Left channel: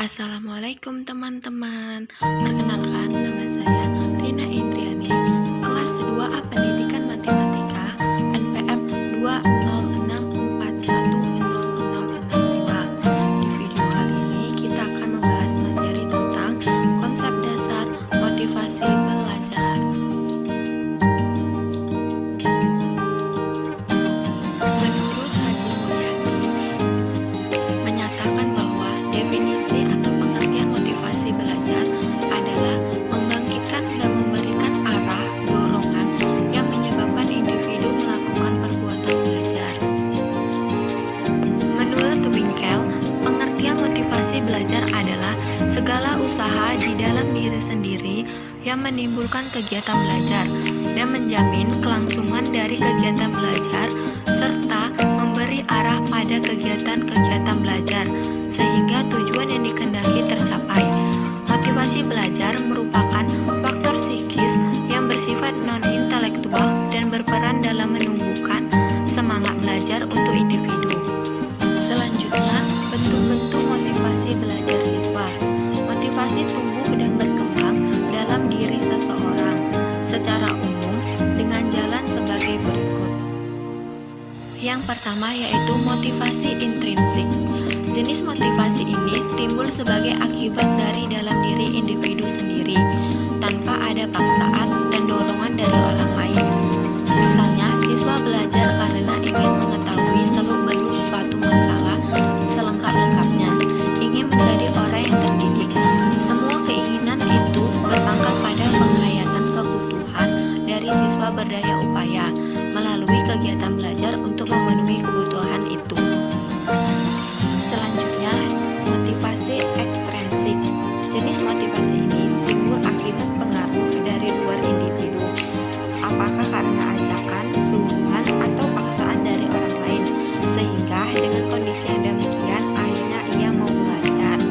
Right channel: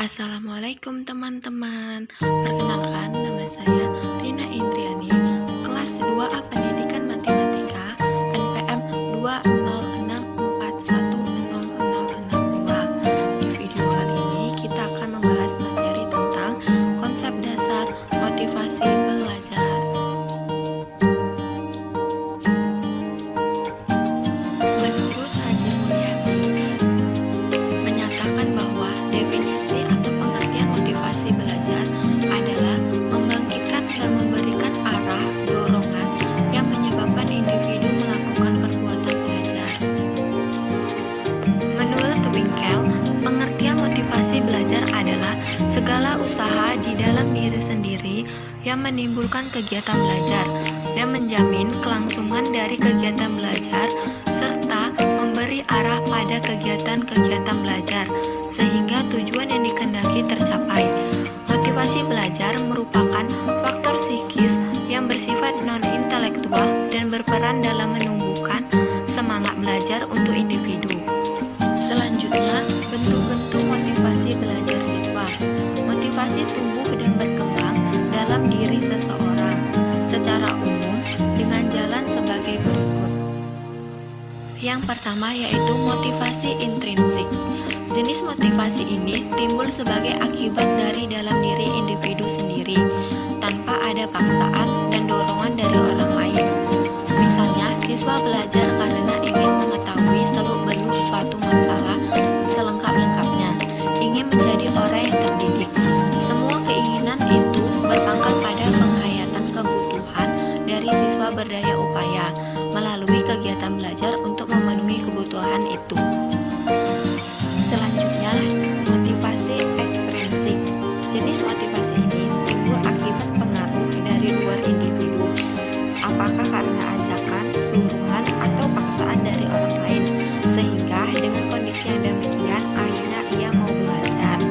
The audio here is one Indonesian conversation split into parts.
Assalamualaikum teman-teman. Perkenalkan, nama saya Rina Indriani, kelas 2A Pendidikan Matematika, NPM 206410062. Di video kali ini kita akan membahas materi tentang konsep dasar motivasi belajar. Menurut Haji Mulyadi menyatakan bahwa definisi atau pengertian motivasi belajar adalah membangkitkan dan memberikan arah dorongan yang menyebabkan individu melakukan perbuatan belajar. Menurut Winkel, pengertian motivasi belajar adalah segala usaha di dalam diri sendiri yang menimbulkan kegiatan belajar dan menjamin kelangsungan dari kegiatan belajar serta memberi arah pada kegiatan-kegiatan belajar sehingga tujuan yang dikehendaki tercapai. Motivasi belajar merupakan faktor psikis yang bersifat non-intelektual dan berperan dalam menumbuhkan semangat belajar untuk individu. Selanjutnya, bentuk-bentuk motivasi belajar siswa. Motivasi tumbuh dan berkembang dalam diri seseorang secara umum dengan jalan sebagai berikut. Yang pertama yaitu motivasi intrinsik. Jenis motivasi ini timbul sebagai akibat dari dalam diri individu sendiri, tanpa ada paksaan dan dorongan dari orang lain. Misalnya, siswa belajar karena ingin mengetahui seluk-beluk suatu masalah selengkap-lengkapnya, ingin menjadi orang yang terdidik. Semua keinginan itu berpangkal pada penghayatan kebutuhan dari siswa berdaya upaya melalui kegiatan belajar untuk memenuhi kebutuhan itu. Selanjutnya, motivasi ekstrinsik. Jenis motivasi ini timbul akibat pengaruh dari luar individu, apakah karena ajakan, suruhan, atau paksaan dari orang lain, sehingga dengan kondisi yang demikian akhirnya ia mau belajar.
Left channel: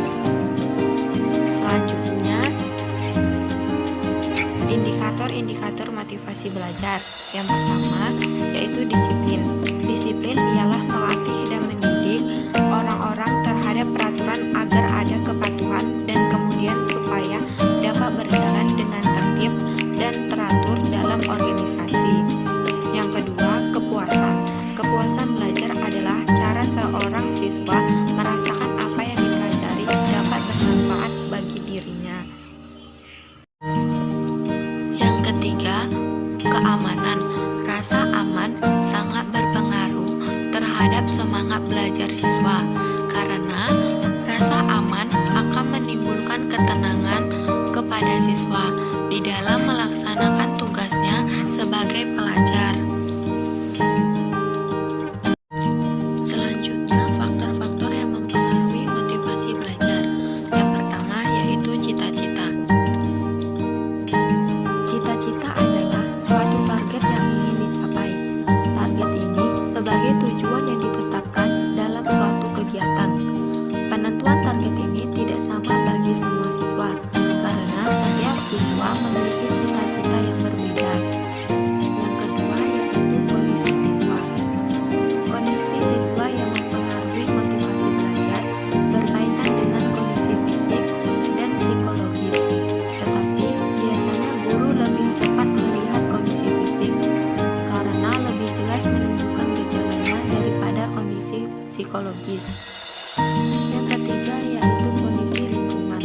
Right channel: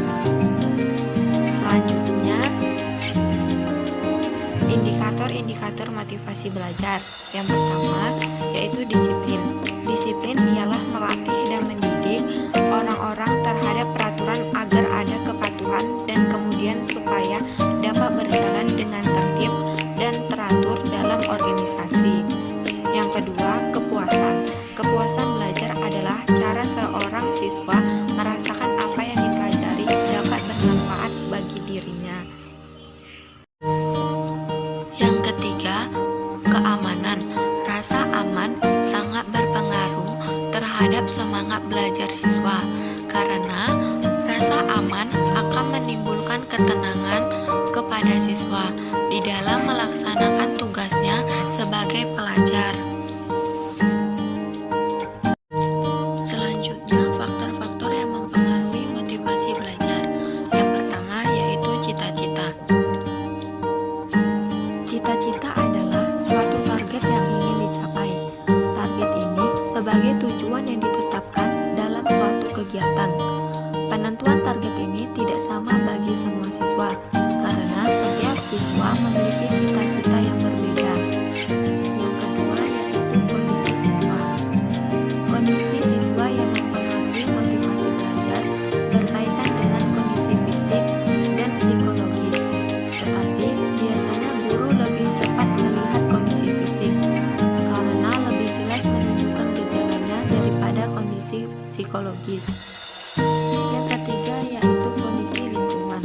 Selanjutnya, indikator-indikator motivasi belajar. Yang pertama yaitu disiplin. Disiplin ialah melatih dan mendidik orang-orang terhadap peraturan agar ada kepatuhan dan kemudian supaya dapat berjalan dengan tertib dan teratur dalam organisasi. Yang kedua, kepuasan. Kepuasan belajar adalah cara seorang siswa merasakan apa yang dipelajari dapat bermanfaat bagi dirinya. Yang ketiga, keamanan. Rasa aman sangat berpengaruh terhadap semangat belajar siswa, karena rasa aman akan menimbulkan ketenangan kepada siswa di dalam melaksanakan tugasnya sebagai pelajar. Selanjutnya, faktor-faktor yang mempengaruhi motivasi belajar. Yang pertama yaitu cita-cita. Cita-cita adalah suatu target yang ingin dicapai. Target ini sebagai tujuan yang ditetapkan dalam suatu kegiatan. Penentuan target ini tidak sama bagi semua siswa, karena setiap siswa memiliki cita-cita yang berbeda. Yang kedua yaitu kondisi siswa. Kondisi siswa yang mempengaruhi motivasi belajar berkaitan dengan kondisi fisik dan psikologis. Tetapi biasanya guru lebih cepat melihat kondisi fisik karena lebih jelas menunjukkan gejalanya daripada kondisi psikologis. Yang ketiga yaitu kondisi lingkungan.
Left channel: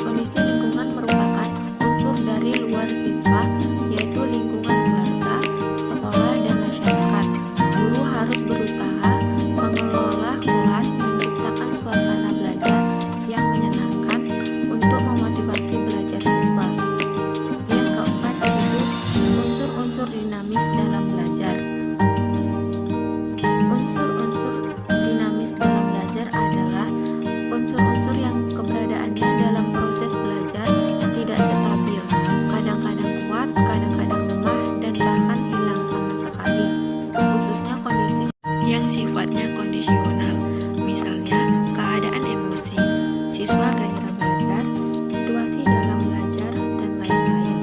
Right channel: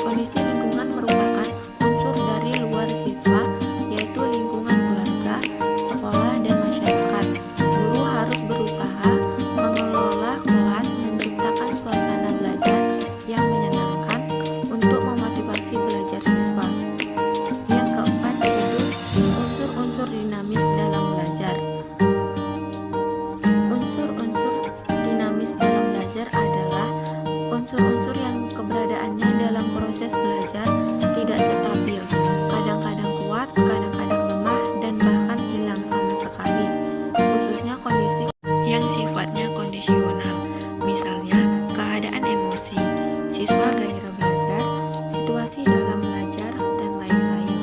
Kondisi lingkungan merupakan unsur dari luar siswa, yaitu lingkungan keluarga, sekolah, dan masyarakat. Guru harus berusaha mengelola kelas, menciptakan suasana belajar yang menyenangkan untuk memotivasi belajar siswa. Yang keempat yaitu unsur-unsur dinamis dalam belajar. Unsur-unsur dinamis dalam belajar adalah unsur-unsur yang keberadaannya dalam proses belajar tidak stabil, kadang-kadang kuat, kadang-kadang lemah, dan bahkan hilang sama sekali, khususnya kondisi yang sifatnya kondisional, misalnya keadaan emosi, siswa gairah belajar, situasi dalam belajar, dan lain-lain.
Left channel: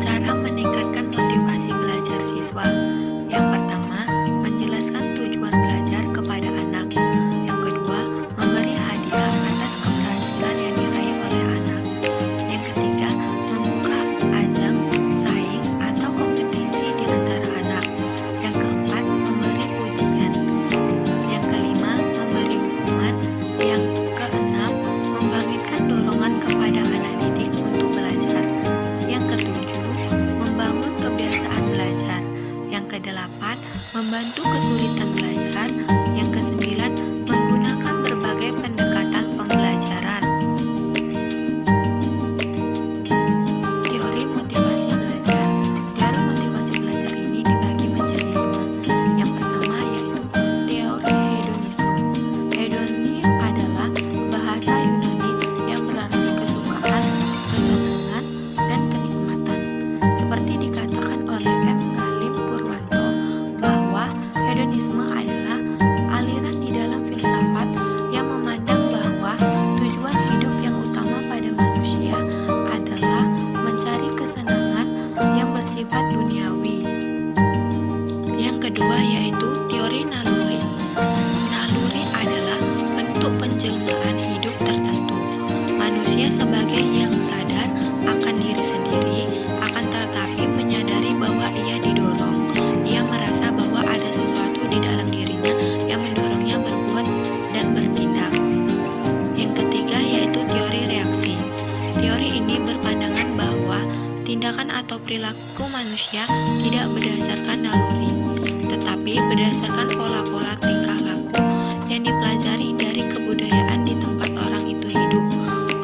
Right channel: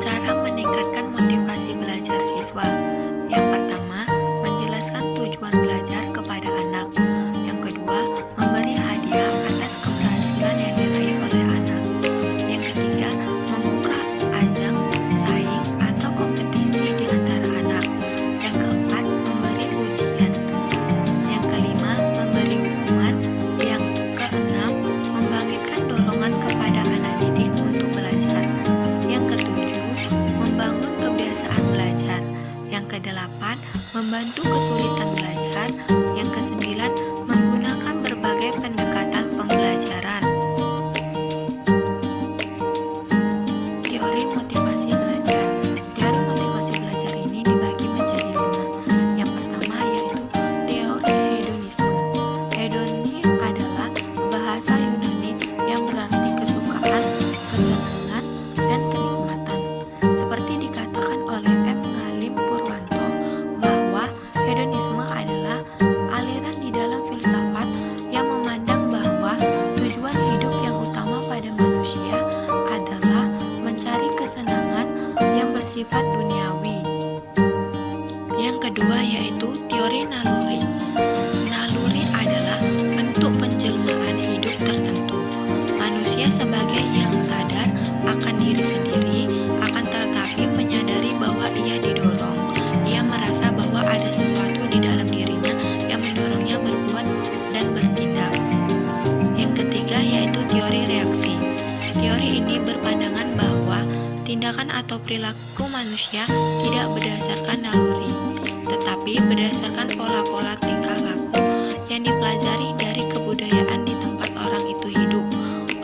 Cara meningkatkan motivasi belajar siswa. Yang pertama, menjelaskan tujuan belajar kepada tindakan atau perilaku manusia tidak berdasarkan naluri, tetapi berdasarkan pola-pola tingkah laku yang dipelajari dari kebudayaan di tempat orang itu hidup.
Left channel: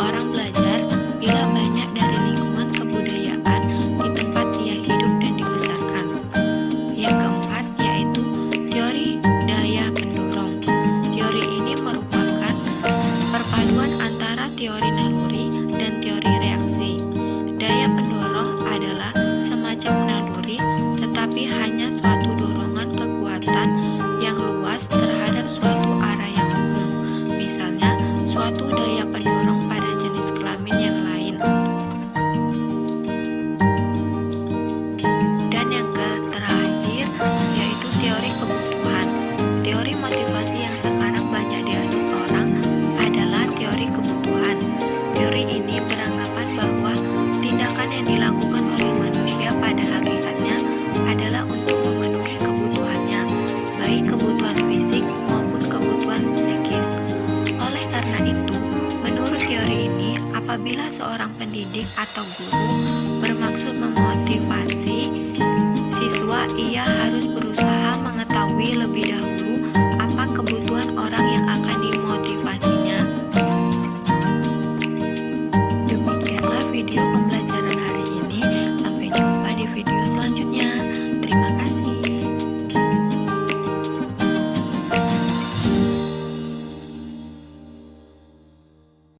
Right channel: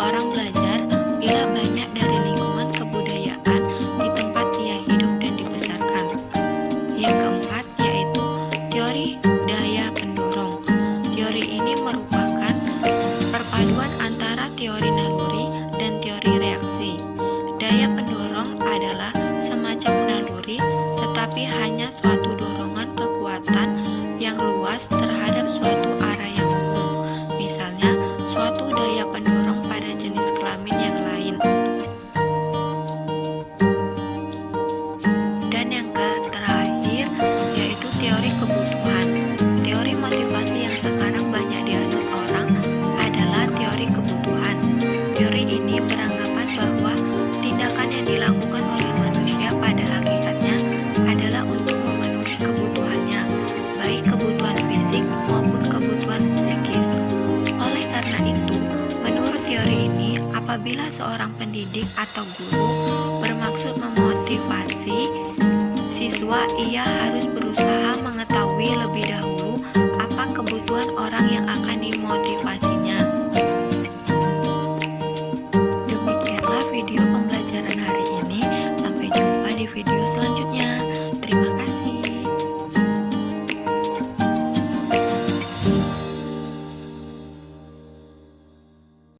Orang belajar bila banyak dari lingkungan kebudayaan di tempat ia hidup dan dibesarkan. Yang keempat yaitu teori daya pendorong. Teori ini merupakan perpaduan antara teori naluri dan teori reaksi. Daya pendorong adalah semacam naluri, tetapi hanya suatu dorongan kekuatan yang luas terhadap suatu arah yang umum. Misalnya, suatu daya pendorong pada jenis kelamin yang lain. Dan yang terakhir yaitu teori kebutuhan. Teori motivasi yang sekarang banyak dianut orang adalah teori kebutuhan. Teori ini beranggapan bahwa tindakan yang dilakukan oleh manusia pada hakikatnya adalah untuk memenuhi kebutuhannya, baik kebutuhan fisik maupun kebutuhan psikis. Oleh karena itu, menurut teori ini, apabila seorang pendidik atau guru bermaksud memotivasi siswa, ia harus berusaha mengetahui lebih dahulu apa kebutuhan orang